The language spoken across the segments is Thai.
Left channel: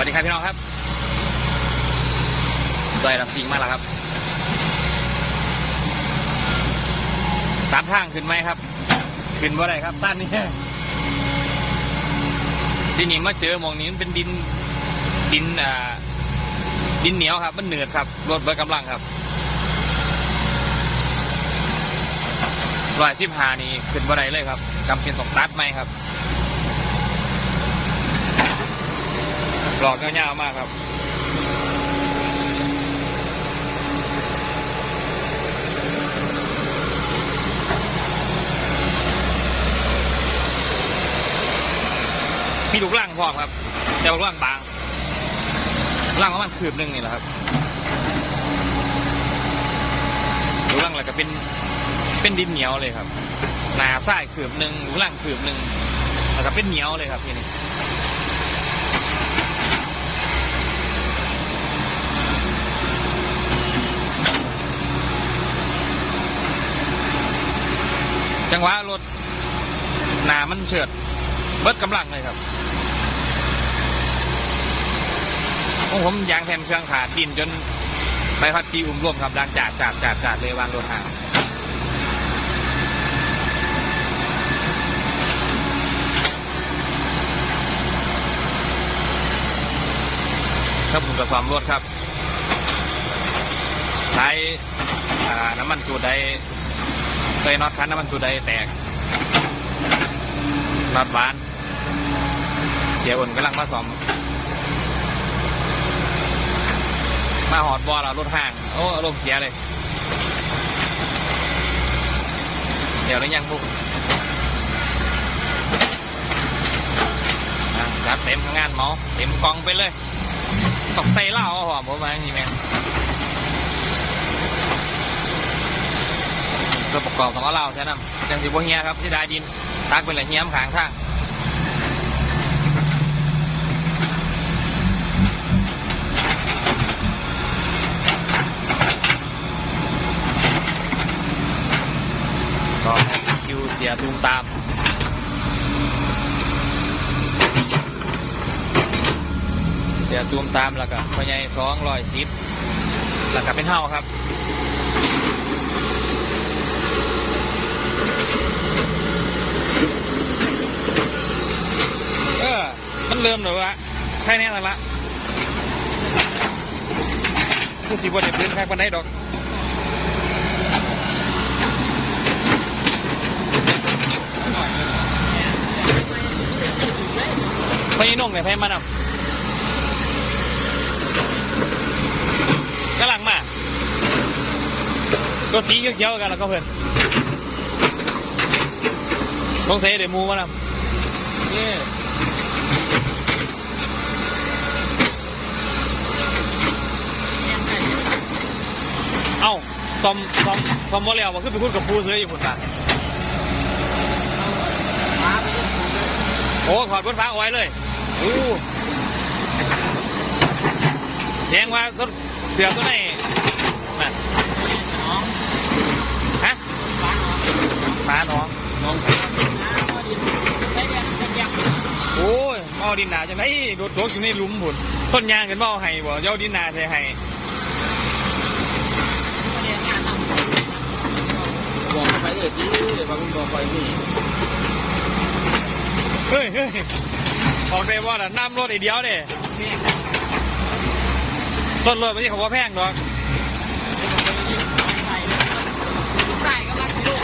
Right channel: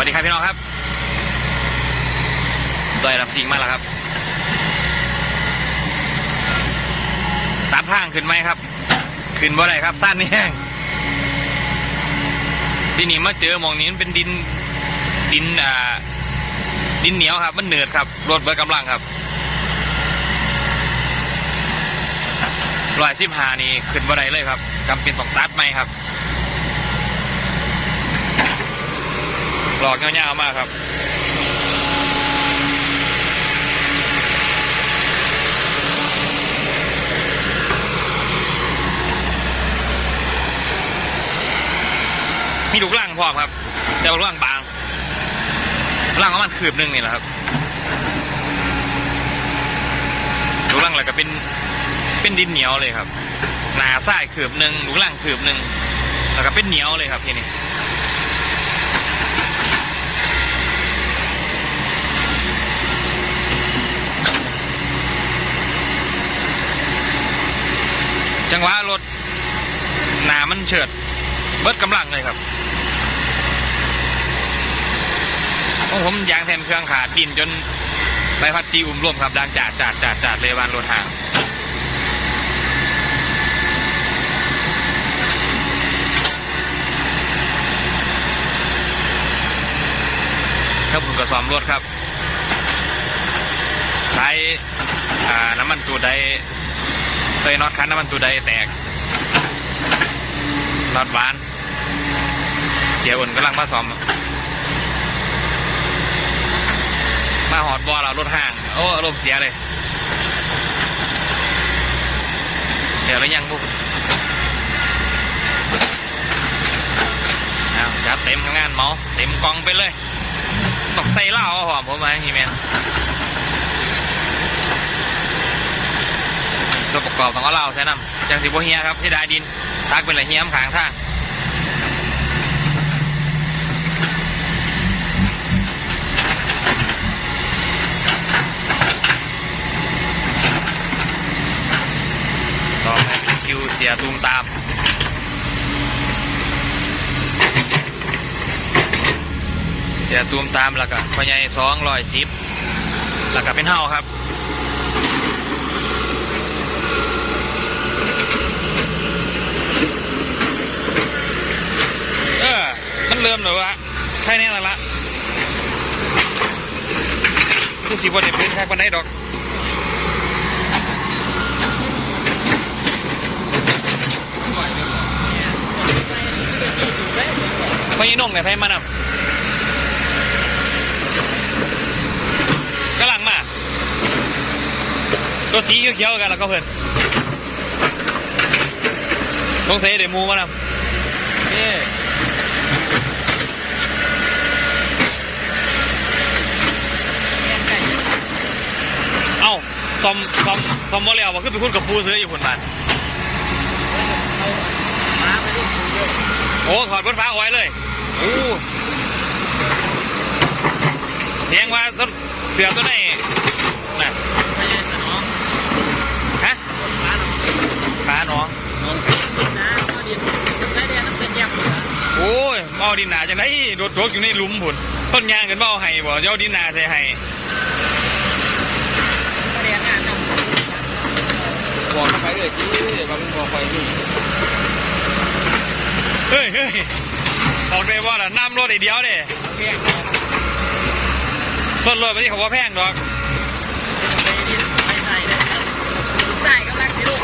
วัสดีครับพี่น้องครับดอยลำสิงมาแล้วครับตัดทางขึ้นไหมครับ ขึ้นบ่ได้ครับสั้นนี่แห้งที่นี่มาเจอมองนี้มันเป็นดินดินอ่าดินเหนียวครับ มันเหนืดครับรถเบิดกำลังครับรอยสิบหานี่ขึ้นบ่ได้เลยครับจำเป็นต้องตัดไหมครับ หลอกเงาวๆมากครับมีลูกล่างพร้อมครับ แต่ว่าลูกล่างบางล่างประมาณคืบหนึงนี่แหละครับลูกล่างอะไรก็เป็นเป็นดินเหนียวเลยครับ หนาส้ายคืบหนึ่งลูกล่างคืบหนึ่งแล้วก็เป็นเหนียวเลยครับทีนี้ จังหวะรถหนามันเฉิด เบิดกำลังเลยครับของผมยางแทนเครื่องขาดดินจนใบพัดตีอุ้มร่วมครับดังจาดจาดจาดจาดเลยวานรถห่างครับผมก็ซ้อมรถครับ ใช้น้ำมันตัวใด เคยน็อตคันน้ำมันตัวใดแตกน็อตบานเสียอุ่นกำลังมาซ้อม มาหอดบอลเรารถห่าง โอ้อารมณ์เสียเลย เดี๋ยวแล้วยังบุกเอาจัดเต็มทำงานเมาเต็มกองไปเลย ตกใส่เหล้าเอาหอมผมมาฮีแมน ตัวประกอบต้องเอาเหล้าใช่น้ำจังสิบเฮียครับที่ดาดินตักเป็นอะไรเฮียมขางทางต่อไปเป็นคิวเสียตูมตามเสียตูมตามแล้วก็พ่อใหญ่สองร้อยสิบแล้วก็เป็นเฮาครับ เออ เริ่มเลยวะแค่นี้และละคือสีบนเด็พื้นแค่ปันได้ดอกไปนุ่งเนี่ยไทยมานำกำลังมาตัวสีเขียวๆกันแล้วก็เพื่อนต้องใส่เดี่ยวมูมานำนี่ เอ้าซอมซอมซอมโมเลียวบอกขึ้นไปคุยกับปูซื้ออยู่คนบ้านโอ้ถอดบนฟ้าเอาไว้เลยโอ้เสียงว่าเสือตัวไหนน่ะฮะปลาหนองโอ้ยเอาดินหนาจังไดโดดโถกอยู่ในหลุมผุนต้นยางกันเอาให้บ่เจ้าดินหนาใส่ให้ บอกไป เฮ้ยเฮ้ยออกได้ว่าล่ะน้ำรถไอเดียวเด้ส้นรถไปที่เขาว่าแพงดอกไหนลูก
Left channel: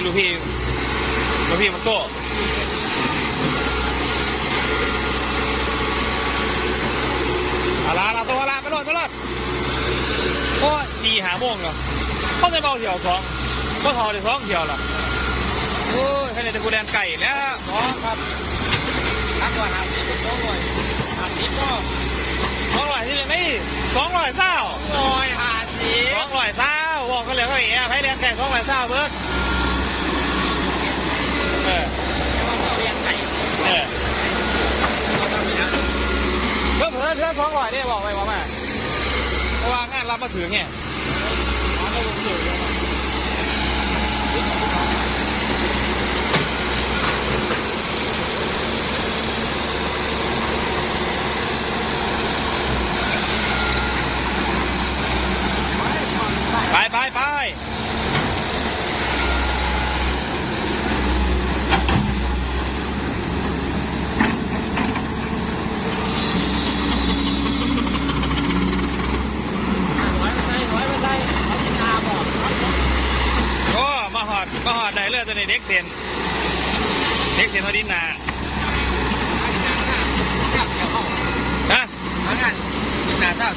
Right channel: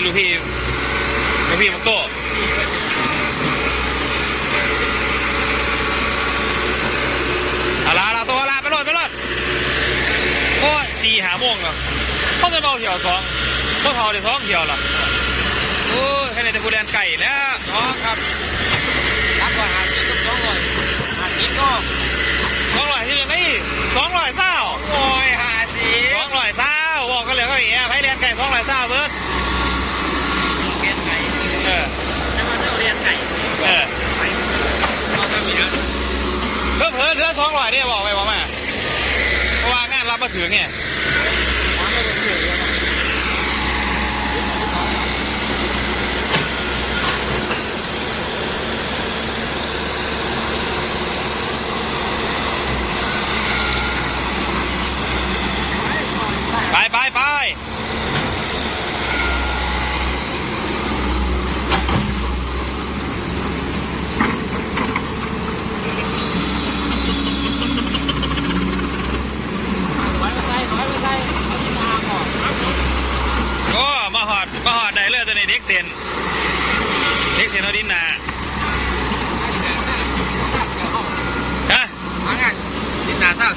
พี่ลูกพี่มันโตอาลาลาตัวลาไปรถไปรถโอ้ยสี่หาโมงเนาะเขาจะมาเที่ยวสองเขาเขาเดี๋ยวสองเที่ยวเหรอโอ้ยแค่ไหนจะกูแดนไก่แล้วอ๋อครับสองร้อยห้าสิบสองร้อยห้าสิบก็สองร้อยที่ยังไงสองร้อยเศร้าโอ้ยห้าสิบสองร้อยเศร้าบอกกันเลยเขาอย่างเงี้ยไพ่แดนไก่สองร้อยเศร้าเบิร์ดเก็บไก่เออแล้วก็เรียนไก่เออเราทำวิธีเพิ่มเพิ่มเพิ่มสองร้อยได้บอกไปบอกมาเพราะว่างานรับมาถึงไงไปไปไปโอ้มาหอดมาหอดได้ เน็กเซนเด็กเซนอดินนาฮะ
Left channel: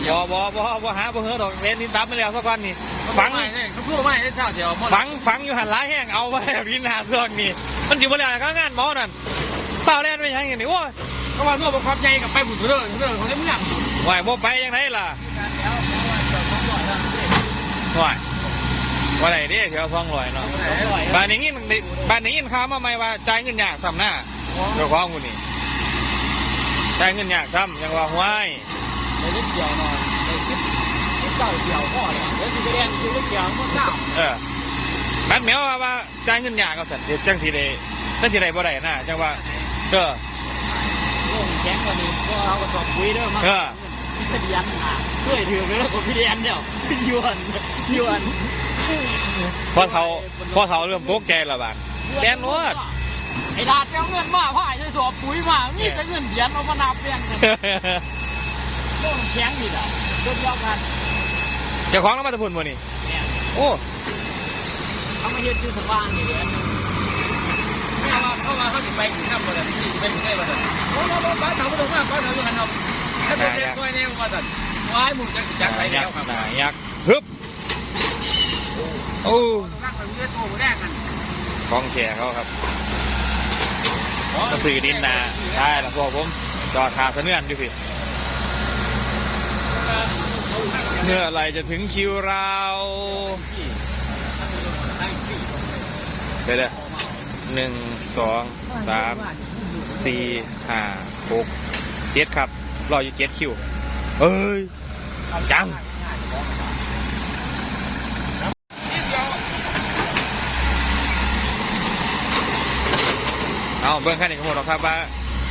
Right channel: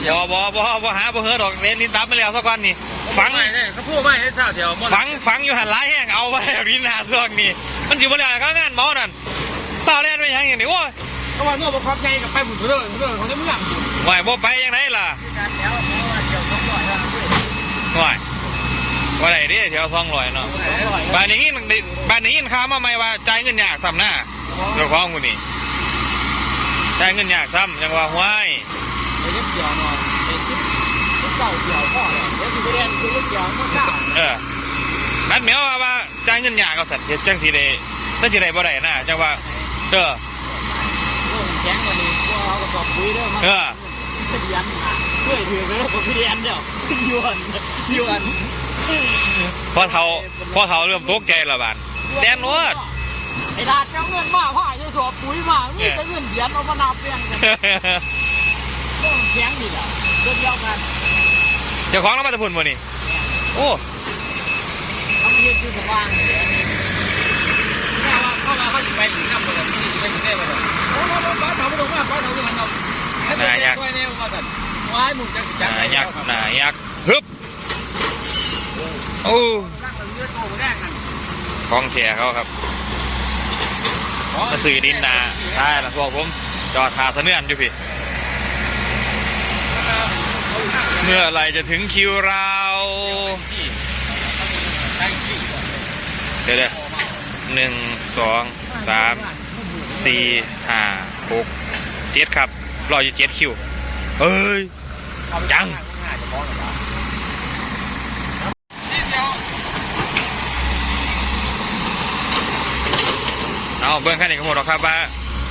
บอบอบอบอหาบ่เฮอดอกเล่นลิ้นตับไมาแล้วสักวันนี่ฝังฝังฝังอยู่หันหลายแห้งเอาไว้ลิ้นาส่วงนี่มันสิบ่แล้วก็งานหมอนั่นเปล่าแล่นไปยังอย่างนี้โอ้ยเพราะว่าตัวบังคับใหญ่กับไปหมุนเรื่องเรื่องของเรื่องไหวบ่ไปยังไงล่ะไหว ว่าไหนดิแถวซองลอยเนาะบ้านนี้มันบ้านนี้ข่าวมาใหม่ว่าจ่ายเงินยากซ้ำหน้าเจ้าของกูนี่จ่ายเงินยากซ้ำยังว่าห้วยไอ้นิดเดียวหน่อยไอ้นิดเจ้าเดียวก็เลยรถที่แดงคือรถเดียวมันเจ้าเออนัดเหมียวว่าว่าจ่ายเงินยากเอาสัตว์เฮ็ดจังสิได้จังสิได้บ่ได้นะจังว่าเออเรื่องแข็งกว่านี้ก็เอากระสอบปุ๋ยเด้อมาเออเป็นยันอะด้วยถือไปแล้วกับพี่เรียนเดียวยวนยวน พอเฒ่าพอเฒ่าเริ่มตกใจและบาดแดนนวดไอ้ดาดเจ้าเงินมาผ่ายจะสอบปุ๋ยมามีแต่เงินเหรียญเอามานับเรียงกันเรื่องแข็งดีอะเรื่องเดียวกันเจ้าของเรามาแตะพุ่นบ่นี่โอ้เขามาเฮ็ดคือสว่างอยู่แล้วเพราะว่าเพราะว่าเขาอยู่ไปอยู่น้ำบ่ได้ที่ไปอยู่ได้บ่ได้โอ้โหบ้านเขาบ่ต้องมาบ้านเขาอยู่กันเนาะถ้าตัวแยกไว้เนี่ยว่าซั่นว้ายมึงจะสิหจังนาได๋ยักษ์หนายักษ์ฮึบ โอ้นั่งกันเยอะโตบ่ได้กันของแท้เขาครับมาสื่อดินนาได้ละพวกผมจอดทาเสนื่อนอยู่พี่ เมื่อไรจะถึงคิวเรา เดี๋ยวเดี๋ยวหนึ่งสองสามสี่ห้าหกเจ็ดครับ รออยู่เจ็ดคิว เฮ้ย จัง เอาเบื้องขั้นนี้ก็หมดหรอกครับว่า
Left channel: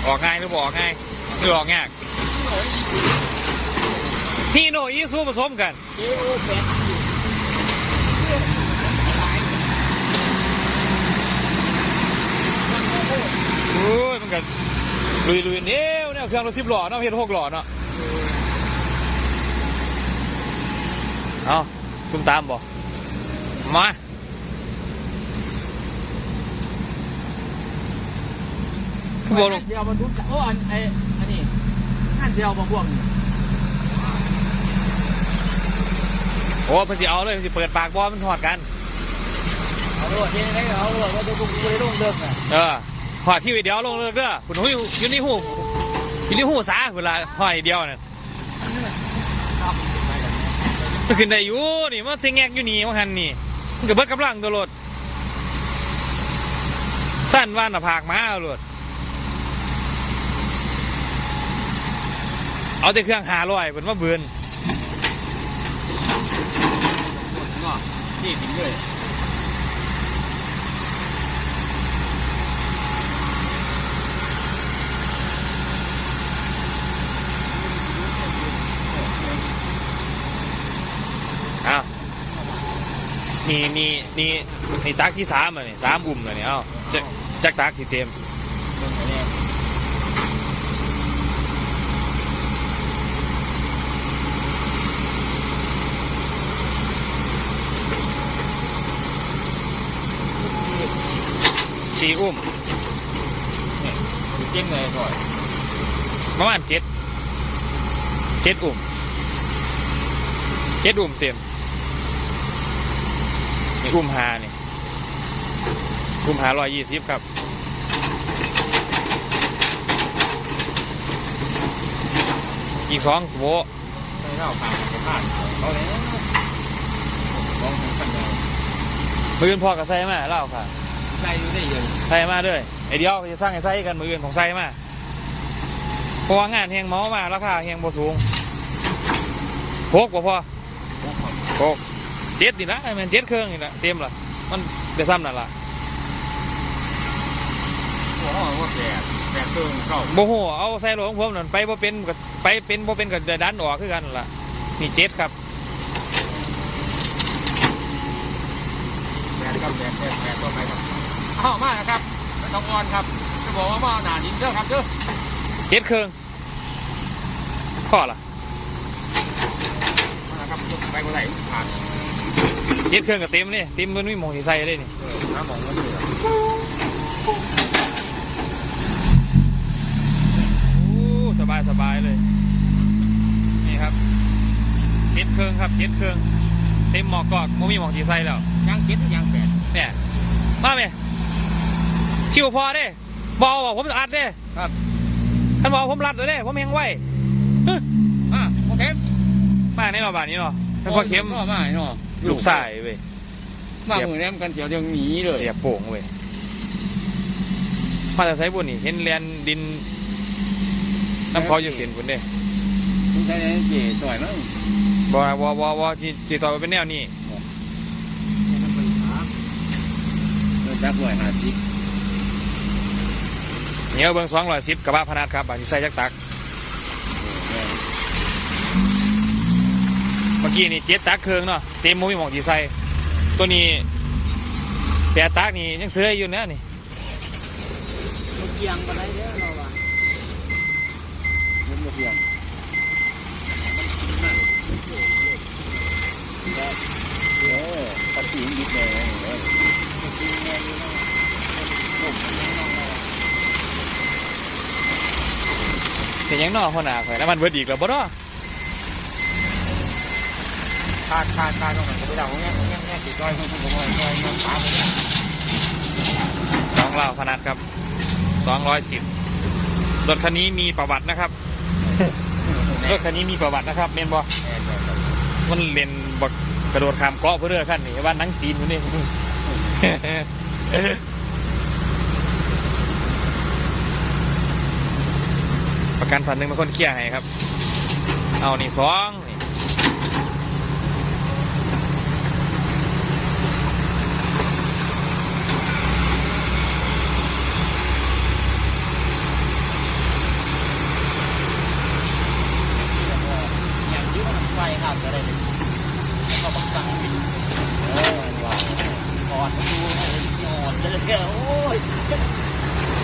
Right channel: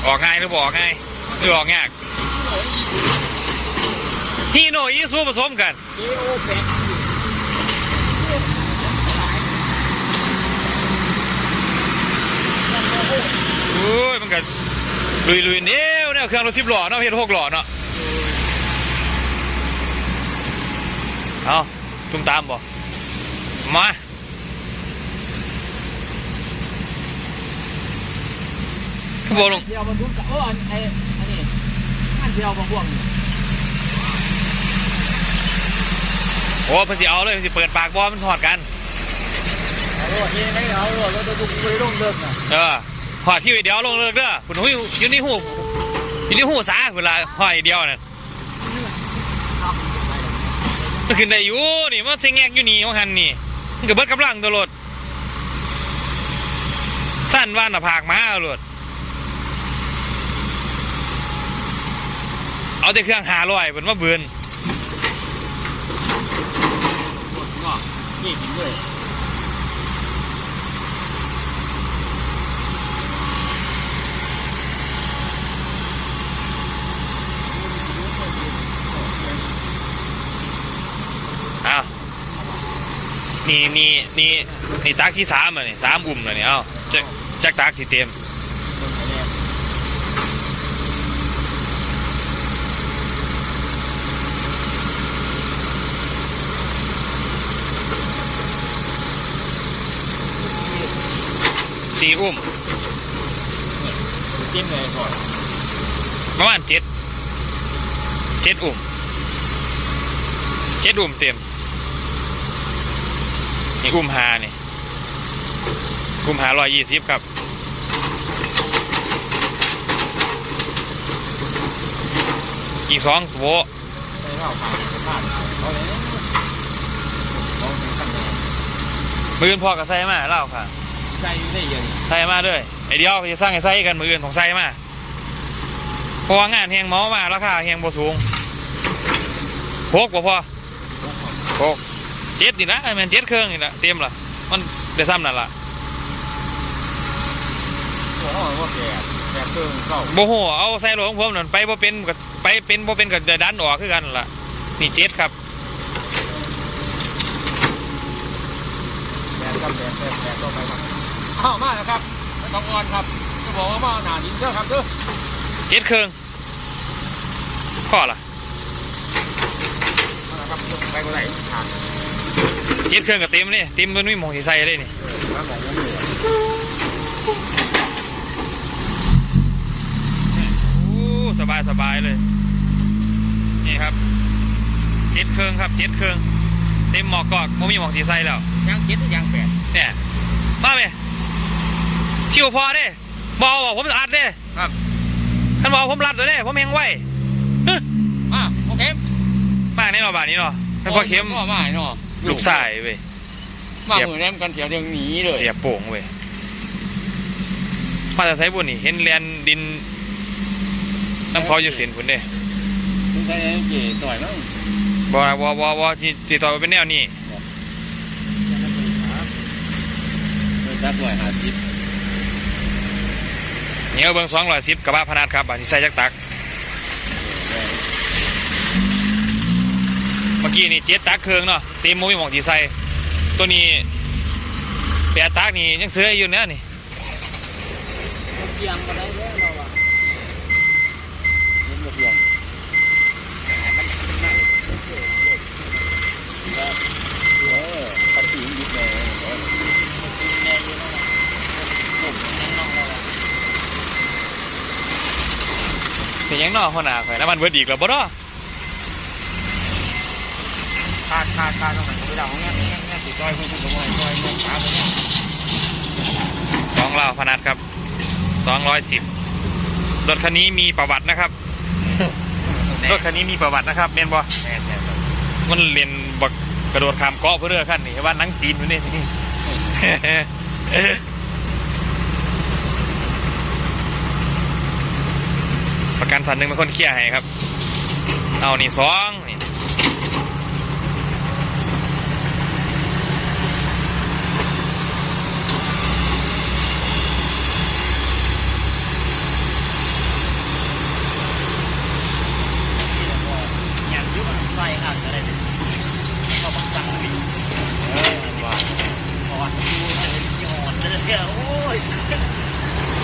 ออกง่ายหรือบ่ออกง่ายหรือออกยากฮีโนอีซูผสมกันโอ้ยมันก็ลุยลุยเนี้ยเนี่ยเครื่องรถสิบหล่อเนาะเพียหกหล่อเนาะเอาตุ้มตามบ่มา บวนลงเดียวมันทุกโอ้อันไอ้อันนี้งานเดียวมาพ่วงโอ้เพิ่นสิเอาเลยเพิ่นสิเปิดปากบอมันถอดกันเอาโลกนี่ให้เอาโลกก็จะดูดูดูเบิ่งอะเออหอดที่เดียวลงเลิกเด้อคุณหุ้ยอยู่ในหูอยู่ในหูสาเวลาหอยเดียวน่ะครับมันขึ้นได้อยู่นี่มันเสิงแงกอยู่นี่ว่าหันนี่มันก็เบิดกำลังตัวรถสั้นว่าหน้าผากมาเอาร เอาแต่เครื่องหาลอยเป็นว่าเบือนนี่ด้วยอ้าวนี่นี่นี่นี่ตักที่สามอะนี่สามอุ่มเลยนี่เอ้าจักจักตักที่เต็ม อุ่มจิ้มเลยก่อนประมาณเจ็ดเจ็ดอุ่มเจ็ดอุ่มเต็มนี่อุ่มหานี่อุ่มหาร้อยยี่สิบครับอีกสองโวใส่ข้าวขาดขาดเขาเลยลองทำไงมืออื่นพอกับไซมาเล่าค่ะ ใส่อยู่ได้ยังไซมาด้วยไอเดียวจะสร้างไอ้ไซกันมืออื่นของไซมาพราะว่างานแหงเมามาราคาแหงบ่สูงหกบ่พอหกเจ็ดนี่ละแม่นเจ็ดเครื่องนี่ละเต็มละมันได้ซ้ำนั่นละหัวห้องว่าแปดแปดเครื่องเก้าบ่ฮู้เอาใส่รถของผมนั่นไปบ่เป็นก็ไปเป็นบ่เป็นก็จะดันออกคือกันนั่นล่ะนี่เจ็ดครับแปดครับแปดแปดแปดต่อไปครับ อ้าวมานะครับไม่ต้องอ่อนครับ จะบอกว่ามาหนาดินเด้อครับเด้อเจ็ดเครื่องพ่อล่ะมานะครับไปก็ได้ผ่านเจ็ดเครื่องก็เต็มนี่เต็มมันมีหมองสิใส่เลยนี่เออแล้วแบบนี้โอ้สบายสบายเลย นี่ครับเจ็ดเครื่องครับเจ็ดเครื่องเต็มหมอกกอกบ่มีหมองสิใส่แล้วยังเจ็ดยังแปดเนี่ยมาไหม ชิวพอเด้บเอาอะผมอัดเด้ครับคันบเอกผมรัดเลยเด้ผมแหงไว้ฮึอะโอเคมาในรอบานนี้เนาะเป็นพ่อเข็มก็มาเนาะลูกสายเว้ยมาเหมือนแรมกันเดี๋ยวเดี๋ยวหนีเลยเสียโป่งเว้ยมาแต่ไซบุญนี่เห็นแลนดินน้ำพออยู่เสียนพุ่นเด้คุณใช้เก๋ต่อยเนาะบอวอบอบอที่ที่ต่อไปเป็นแนวนี้ไม่รับหรอกหาทิพย์ เนี่ยเบิ้งสองร้อยสิบกระบะพนัดครับบาทที่ใส่จักตัก เมื่อกี้นี่เจ็ดตักเครื่องเนาะเต็มมุ้ยหมองที่ใส่ตัวนี้แปดตักนี่ยังเสืออยู่เนี่ยนี่เกียงกันแล้วเราอะเย็นกับเกียงเออขับขี่ยิบเลยแน่อยู่นะผมแน่นอนแล้ว เป็นยังนอคนหนาใส่น้ำมันเบิดอีกแล้วบ่เนาะขาดขาดขาดตรงไหนก็ไม่ได้ของเงี้ยเงี้ยเงี้ยสีก้อยให้คุณผมว่าก้ยเงี้ยตามไปเนี่ยสองลาพนัดครับสองร้อยสิบรถคันนี้มีประวัตินะครับรถคันนี้มีประวัตินะครับเมนบอแม่แม่ครับมันเรียนบักกระโดดข้ามเกาะเพื่อเรือขั้นนี่ว่านังจีนอยู่นี่ ประกันสันหนึ่งเป็นคนเคลียร์ให้ครับ เอานี่สองที่มันใส่อาจจะได้เขาบังคับเออว่าก่อนดูให้หยอดเลยโอ้ย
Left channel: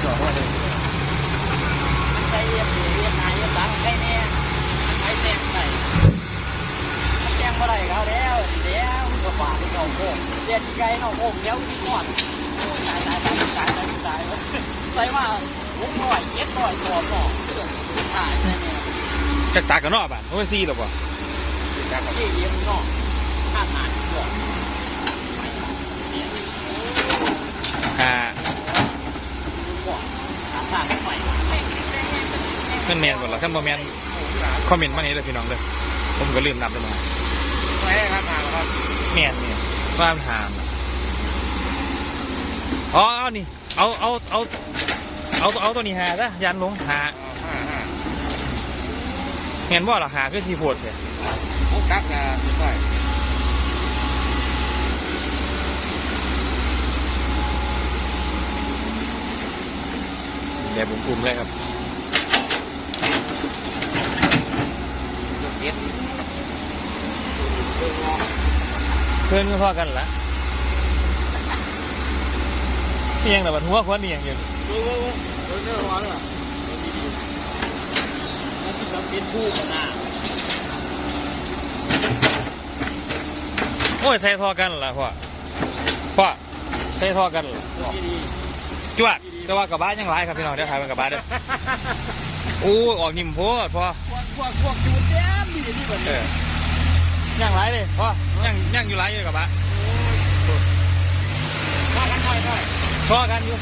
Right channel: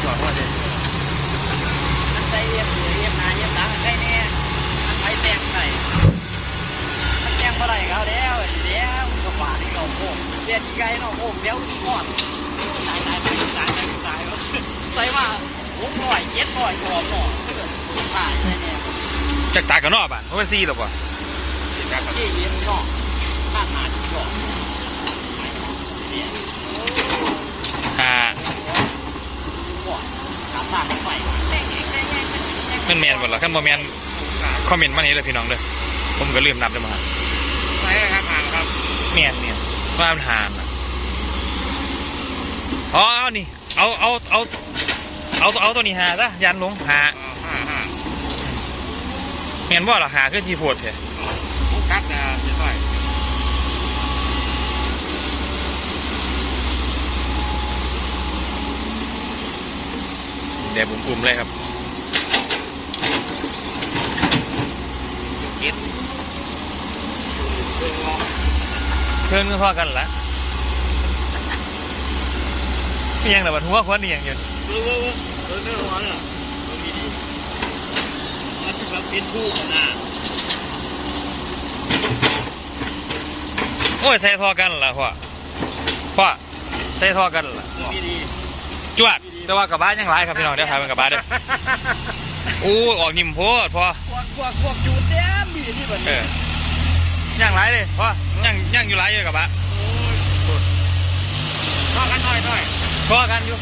ก่อนว่าเด็กใส่เรียบเรียบนายเรียบหลังใช่แน่ใส่แต้มใส่แต้ มเมื่อไรเขาแล้วเดี๋ยวก็ฝาดเราโค้งเรียกไกลเราโค้งเดี๋ยวทอดตายตายตายตายตายใส่มาหกร้อยเจ็ดร้อยตัวหม้อตายเนี่ยจากตากันนอกบ้านเขาเป็นซีหรอปะที่เลี้ยงนอกบ้าหมาที่ก่อนอ่าก่ามันแมนหมดเหรอขั้นโมแมนคอมเมนต์มานี้เลยพี่น้องเลยผมก็ลืมนับเลยมาใช่ครับหาครับแมนเนี่ยว่ามันหานอะอ๋อเอานี่ เอาเอาเอาเอาเอาตัวนี้หาซะยันลงหาห้าห้าแมนว่าเหรอหาขึ้นที่โพดเถอะมุกตักจะเรียบร้อยเดี๋ยวผมอุ่มเลยครับเก็บ เพื่อนก็พอกันละเอียงแต่บัดหัวควันเอียงอยู่เออเออเออเนื้อร้อนเหรอดีดีแล้วถึงแบบเป็นผู้กันนะโอ้ยใส่ทอกันละพ่อพ่อใส่ทอกันละดีดีจวดแต่ว่ากระบะยังหลายครับพี่น้องเดี๋ยวถ่ายเป็นกระบะเด้อโอ้ออกนิ่มโพดพ่อพวกพวกพวกดูดแย้มดีที่แบบนี้ ย่างไรเลยพ่อย่างย่างอยู่ไรอยู่กับปะก็กันหน่อยหน่อยพอกันอยู่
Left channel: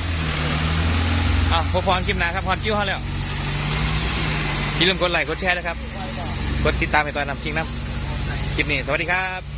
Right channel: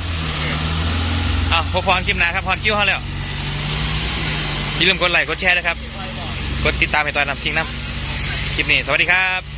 อะพอพรคลิปหนาครับพรคิวเขาแล้วอย่าลืมกดไลค์กดแชร์นะครับ กดติดตามให้ตอนนำชิงน้ำคลิปนี้ สวัสดีครับ